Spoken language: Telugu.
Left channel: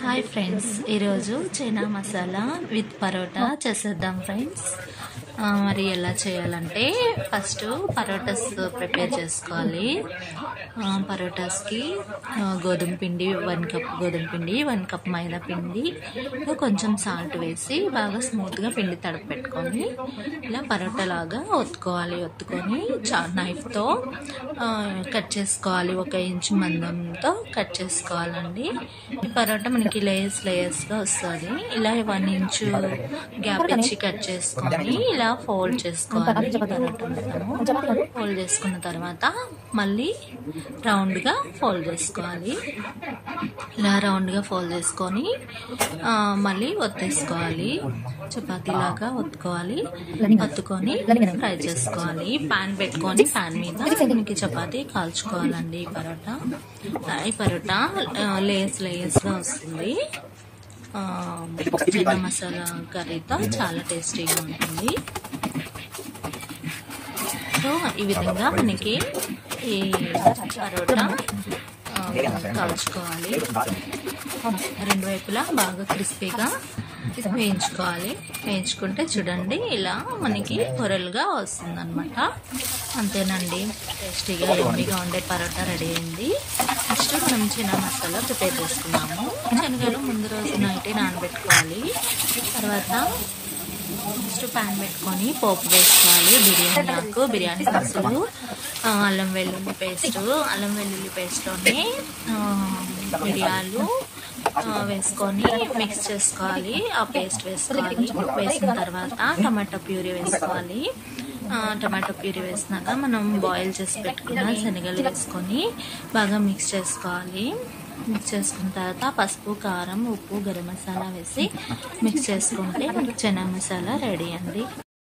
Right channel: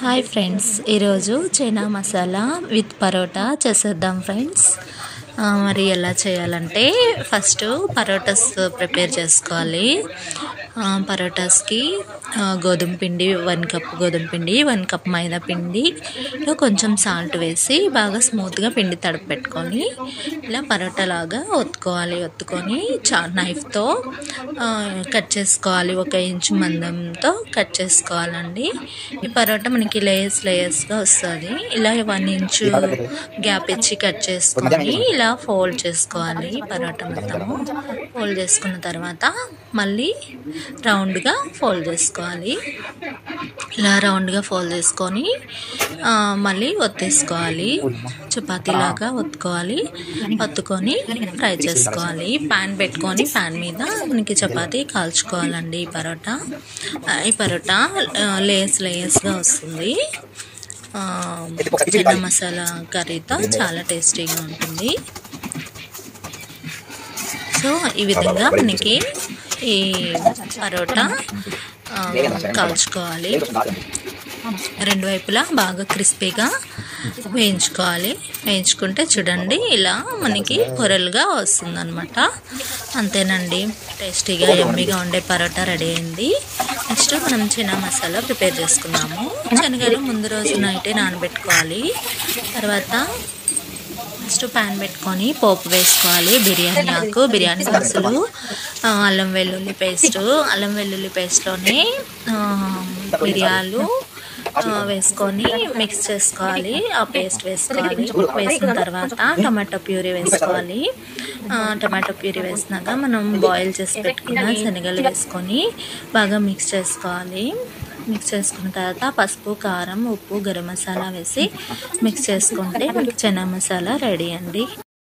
హాయ్ ఫ్రెండ్స్, ఈరోజు చైనా మసాలా విత్ పరోటా చేసేద్దాం ఫ్రెండ్స్. మరి ఎలా చేయాలంటే ఫస్ట్ పరోటాస్ ప్రిపేర్ చేసుకోవాలి. పరోటాస్కి గోధుమ పిండి 1 కప్ గోధుమ పిండి, 1 కప్ మైదా పిండిలో కొంచెం సాల్ట్ వేసి బాగా స్మూత్గా పిండి తడిపి పెట్టుకొని ఇలా పరోటా లాగా ఒత్తుకొని నైఫ్తో కట్ చేసుకోవాలి. 1 ఇంచు మందంతో కట్ చేసుకోవాలండి. ఈ పరోటా మనకి లేయర్స్గా వస్తుంది. ఇలా 1 ఇంచు గ్యాప్ ఇచ్చి కట్ చేసుకొని ఇలా ఫోల్డ్ చేసుకోవాలి. పరోటా మొత్తము ఫోల్డ్ చేసుకున్న తర్వాత మళ్ళీ రౌండ్గా ఫోల్డ్ చేసుకోవాలి. ఇలా రౌండ్గా ఫోల్డ్ చేసుకొని మళ్ళీ ఒత్తేసుకోవాలి. చపాతీలాగా ఒత్తుకొని ఫ్రై చేసుకోవాలి. ప్యాన్ పెట్టుకొని ప్యాన్ మీద మనకి చపాతీ కాల్చుకోవాలండి. ఈ పరోటా లేయర్స్గా వస్తుంది. చైనా మసాలా కర్రీతో చాలా టేస్టీగా ఉంటుంది. సో ఈ విధంగా మనకి ఈ పరోటా కాల్చుకోవాలి. 2 వైపులా బాగా క్రిస్పీగా వేయించుకుంటే చూడండి ఇలా మనకి పొరలుగా వస్తుంది అనమాట. అంతేనండి, టేస్టీగా యమ్మీగా ఉండే పరోటా రెడీ అయింది. నెక్స్ట్ మనం చైనా మసాలా ప్రిపేర్ చేసుకున్నాము. శనగలు ముందు రోజు నైటే నానబెట్టుకోవాలి. తర్వాత ఫస్ట్ ప్యాన్ పెట్టుకొని పోపు వేసుకోవాలి. బిర్యానీ ఆకు, బిర్యానీ దినుసులు, అల్లం వెల్లుల్లి పేస్ట్లోనే మిరియాలు వేసుకొని మిక్స్ చేసుకోవాలి. ఆ పేస్ట్ వేసిన తర్వాత టమాటో ప్యూరీ వేసుకోవాలి. టమాటో ప్యూరీ వేసినాక మనం బాయిల్ చేసి పెట్టుకున్న శనగలు వేసుకొని బాగా మిక్స్ చేసుకోవాలి. మిక్స్ చేసుకున్న తర్వాత పసుపు, కారం, ఉప్పు, గరం మసాలా వేసి మిక్స్ చేసుకుంటే మనకి చైనా మసాలా రెడీ అండి.